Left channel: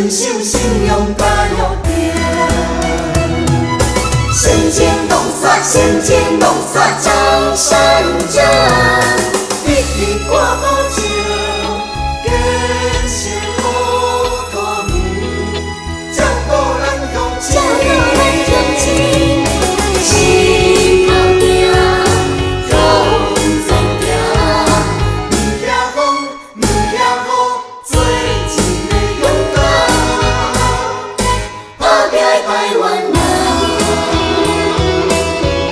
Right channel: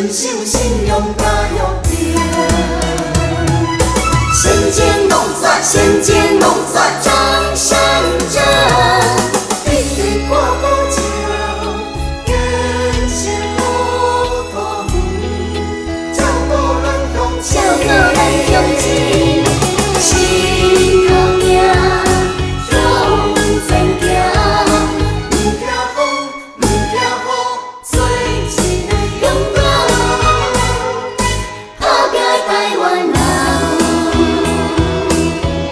遵守信用甲约定。先前弄煞，先前弄煞，江山者，一定挂保证，建设好土门，照顾咱乡亲。心头行，向前行，唔惊风，唔惊雨，做一个勇敢、打拼的台湾人。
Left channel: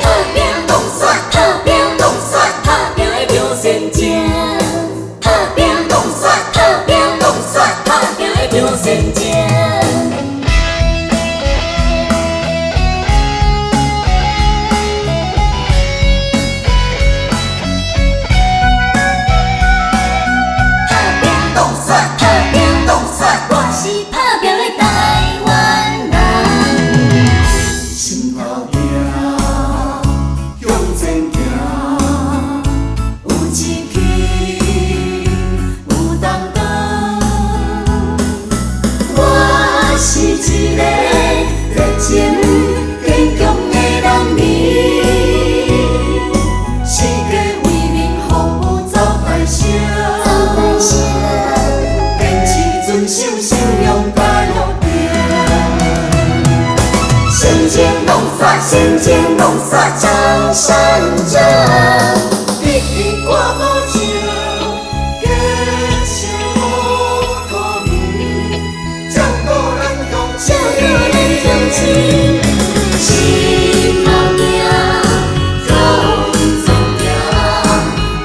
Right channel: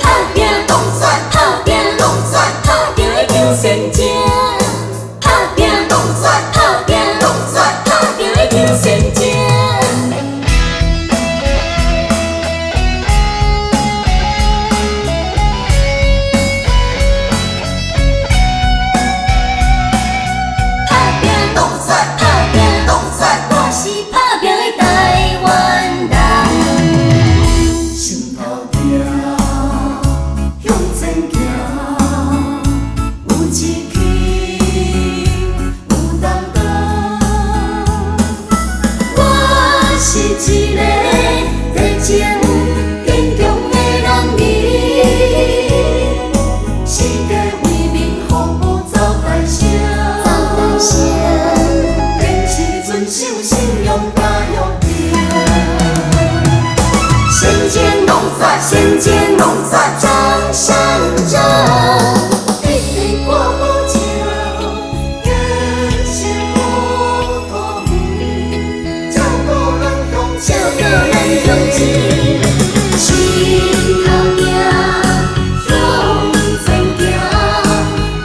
打拼动算，打拼动算，打拼的张先正。打拼动算，打拼动算，打拼的张先正。我是打拼的台湾人，心头行，向前行，有志气，有担当。我是一个热情坚强的人民，世界为民服务走大声。遵守信用甲约定，先前弄煞，先前弄煞，江山者，一定挂保证，建设好土门，照顾咱乡亲。心头行，向前行，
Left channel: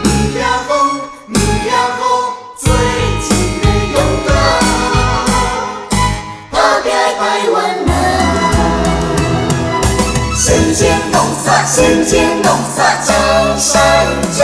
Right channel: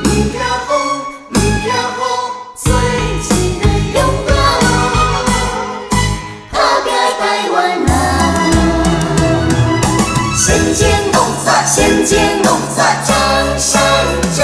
唔惊风，唔惊雨，做一个勇敢。台湾人，先前弄煞，先前弄煞，江山者。